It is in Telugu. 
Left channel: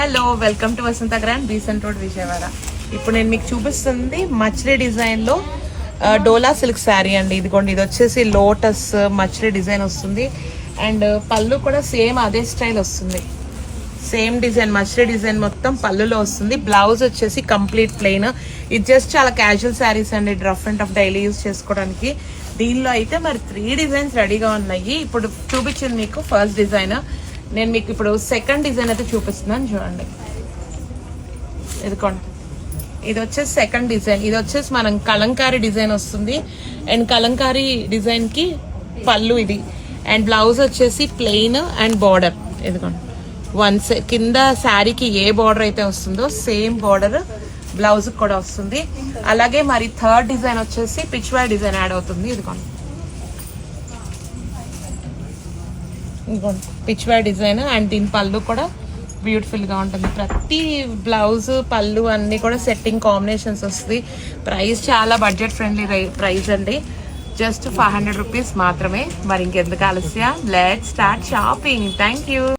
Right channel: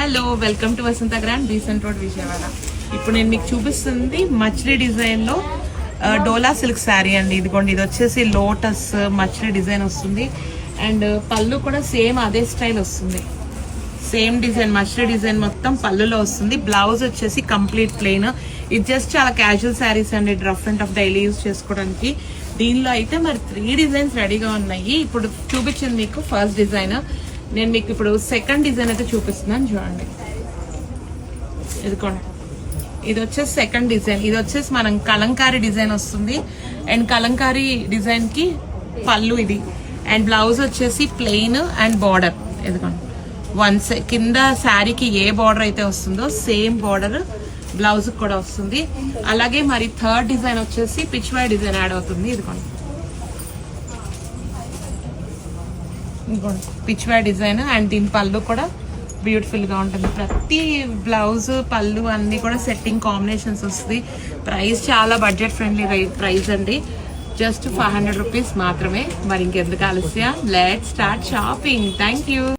Hello, welcome to Vasantha Grand Besant Road Vijayawada. ఇప్పుడు నేను మీకు చూపిస్తుంది మచ్లీ డిజైన్ లో డోలా సిల్క్ శారీ అండి. ఇదిగోండి, ఇది వచ్చేసి లోటస్ మచ్లీ డిజైన్ వస్తుంది. అండ్ పళ్ళు కూడా సేమ్ అదే స్టైల్ వస్తుంది. సేమ్ డిజైన్ మచ్లీ డిజైన్ మొత్తం పళ్ళులో వస్తుంది. బ్లౌజ్ వచ్చేసి కంప్లీట్ ప్లెయిన్. ఇది జస్ట్ చాలా క్యాజువల్ శారీస్ అండి, rough and tough daily use చేసుకోవడానికి. దీనిలో అయితే మరి 3 డిజైన్స్ రెడీగా ఉన్నాయి. ఇప్పుడు చూపించింది మీకు ఫస్ట్ డిజైన్. నేను మీకు ఇప్పుడు సెకండ్ డిజైన్ అయితే చూపిస్తున్నాను, చూడండి. ఇదిగోండి, ఇది వచ్చేసి సెకండ్ డిజైన్. ఇది వచ్చేసి మనం కలంకారీ డిజైన్ వస్తుంది. అండ్ కలంకారీ డిజైన్ కి పళ్ళు ఇది. అండ్ బ్లౌజ్ వచ్చేసి ప్లెయిన్ అండ్ బార్డర్. ఇదిగోండి, కింద శారీకి ఏ బార్డర్ అయితే వస్తుందో సేమ్ బార్డర్ బ్లౌజ్ కూడా వస్తుంది. అలాగే మరి థర్డ్ డిజైన్ వచ్చేసి పిచ్వా డిజైన్ యాడ్ అవుతుంది. ఇదిగోండి, పిచ్వా డిజైన్. అండ్ దీని పళ్ళు కూడా బ్యూటిఫుల్ గా ఉంటుంది. ప్రతి బ్లౌజ్ పళ్ళు అన్ని కూడా సెట్టింగ్ కాంబినేషన్స్ వస్తుంది. ప్రైస్ చాలా బడ్జెట్ ఫ్రెండ్లీ ప్రైస్ అండి, జస్ట్ 500 రూపీస్ మాత్రమే. మరి ఇంకెందుకు ఆలస్యం, let's start shopping. Thank you.